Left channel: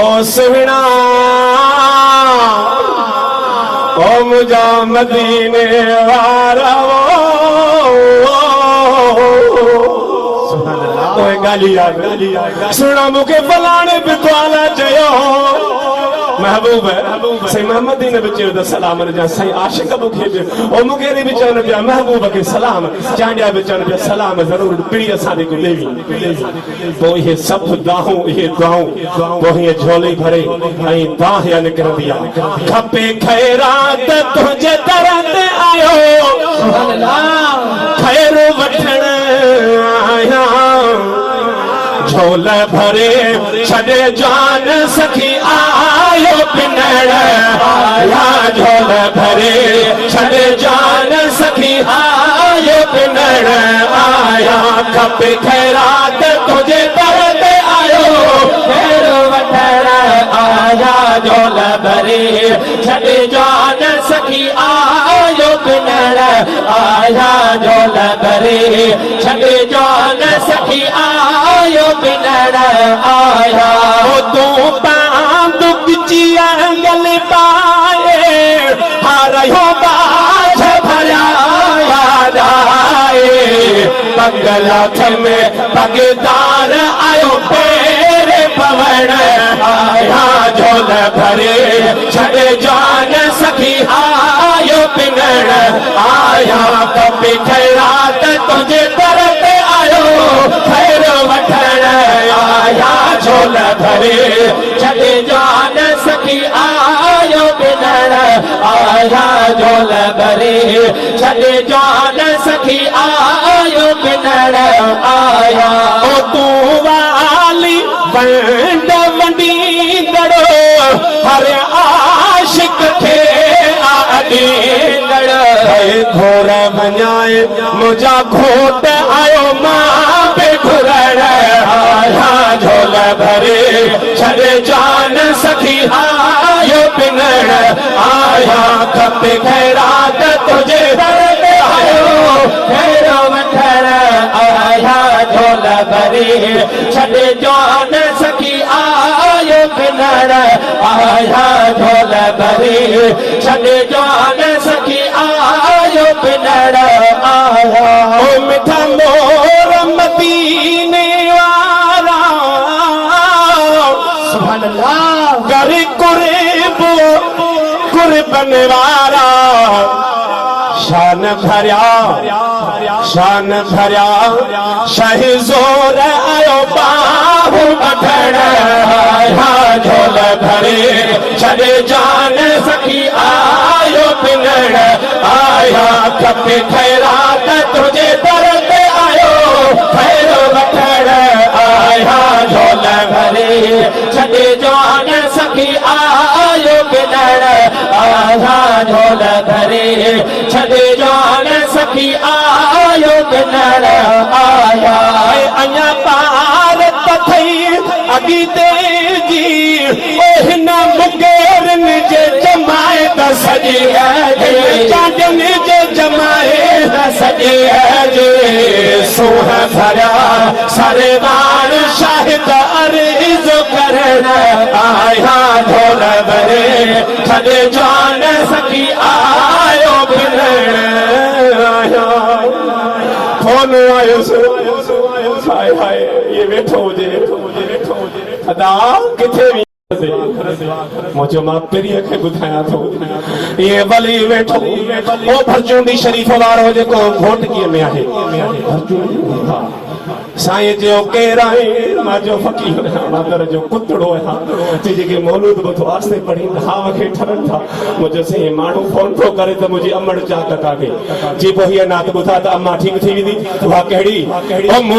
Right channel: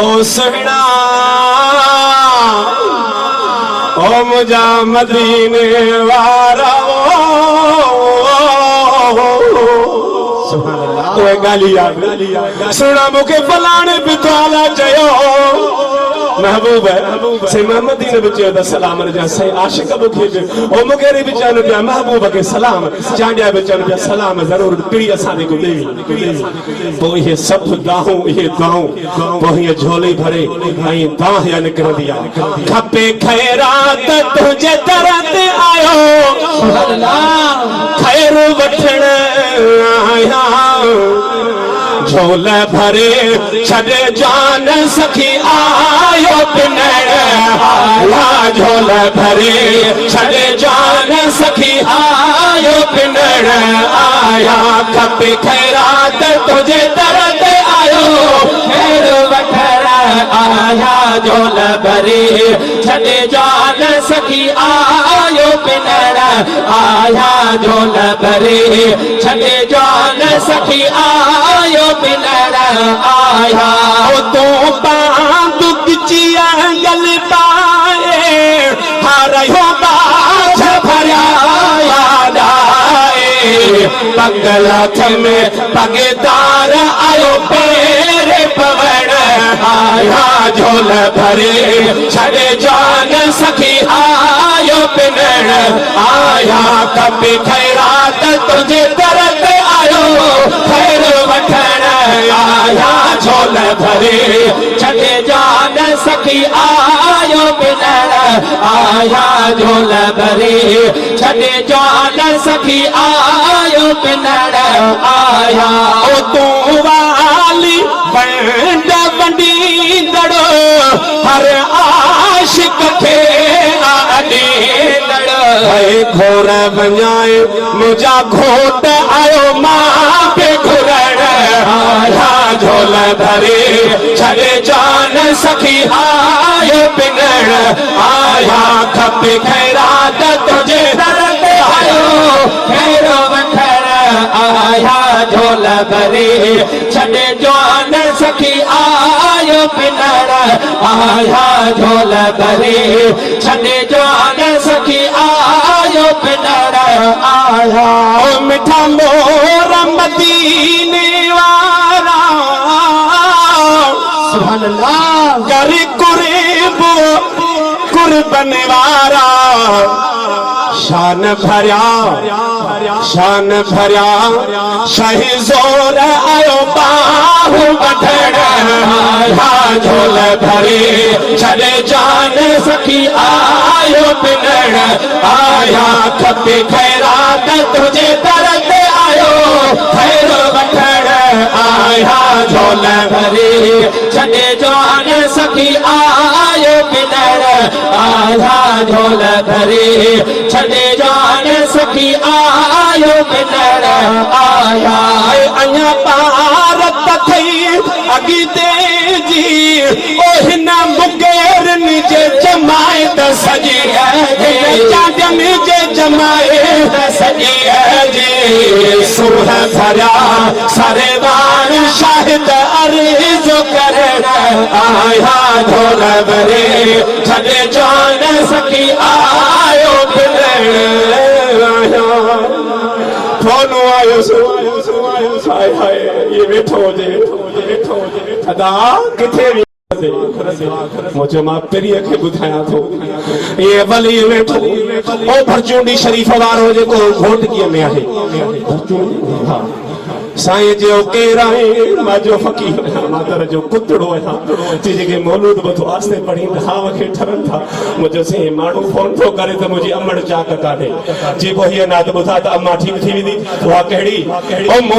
ओ सुहना ओ मुझा मदीने वारा सुना मुखे फलाने बितवाला चयो महबूब है से मोहम्मद ने बच्चे दा सलाम रजा सही आशिक मुखे ओ मुगेरी बिचान पे महबूब के सलाम चांडिया बिचान पे सलाम जरूर पीड़ी असा दे को लेवी तो ये सब दाहू ये दाहू तो ये झोली भरे नहीं दाह या निकल दिया खपे खैरात तुझे तरत आयो सुभान अल्लाह खैर वठण आया झोला भरे छड़े जान सखी आयो पिनड़ आया झोला भरे छड़े जान सखी आयो पिनड़ आया खपे खैरात तुझे तरत आयो खैर वठण आया झोला भरे छड़े जान सखी आयो पिनड़ आया झोला भरे छड़े जान सखी आयो पिनड़ आया तो बांध किचिया गल पाए हारो बाछ भरिया आए बंगला में पगदार आयो पेरे पवण आया झोल भरे छड़े जान सखी आयो पिनड़ आया कपी खैरात तुझे तरत आयो खैर वठण आया झोल भरे छड़े जान सखी आयो पिनड़ आया झोल भरे छड़े जान सखी आयो पिनड़ आया तू वाली बंड मंडी दड़ो हर आशिक खे आदी घोर बजाए मुझा घोट आयो मां पे घुरण आया झोल भरे छड़े जान सखी आयो पिनड़ आया खपे खैरात तुझे तरत आयो खैर वठण आया झोल भरे छड़े जान सखी आयो पिनड़ आया झोल भरे छड़े जान सखी आयो पिनड़ आया मिठा मोर मदीने वाला सुभान अल्लाह कर कुर्बो कुर्बन वाला शान भरिया शाही जोर आयो बाहु बठण आया झोल भरे छड़े जान सखी आयो पिनड़ आया खपे खैरात तुझे तरत आयो खैर वठण आया झोल भरे छड़े जान सखी आयो पिनड़ आया झोल भरे छड़े जान सखी आयो पिनड़ आया अञा पारत थई अॻिते जी ओहिन मुगेरन जे जमाए दस जे चांदन जे जमाए दस जे सुह भरिया सरदार शाहिद अर्ज़ करण आया झोल भरे छड़े जान सखी आयो पिनड़ आया फोन आयो हाय हाय ये वेठो हुजे अदा किथे मुझे मां पेरीअ खे ॿुधायां थो ये वली वेठो ओ भरचूंडी शरीफ वारो जेको घोटकीअ में आहे साईं जो केर आहे मां जो फ़कीर मादर जो कुतड़ो है ते जेके मौलूद बतो आस्ते पढ़ी हाव खे ठरन था मुझे से माण्हू फोन थो करे त मुंहिंजी अमड़ चाक काढे जी पोइ हीअ नात ॿुधा त अम्मा ठीक थी वेंदी उहा कहिड़ी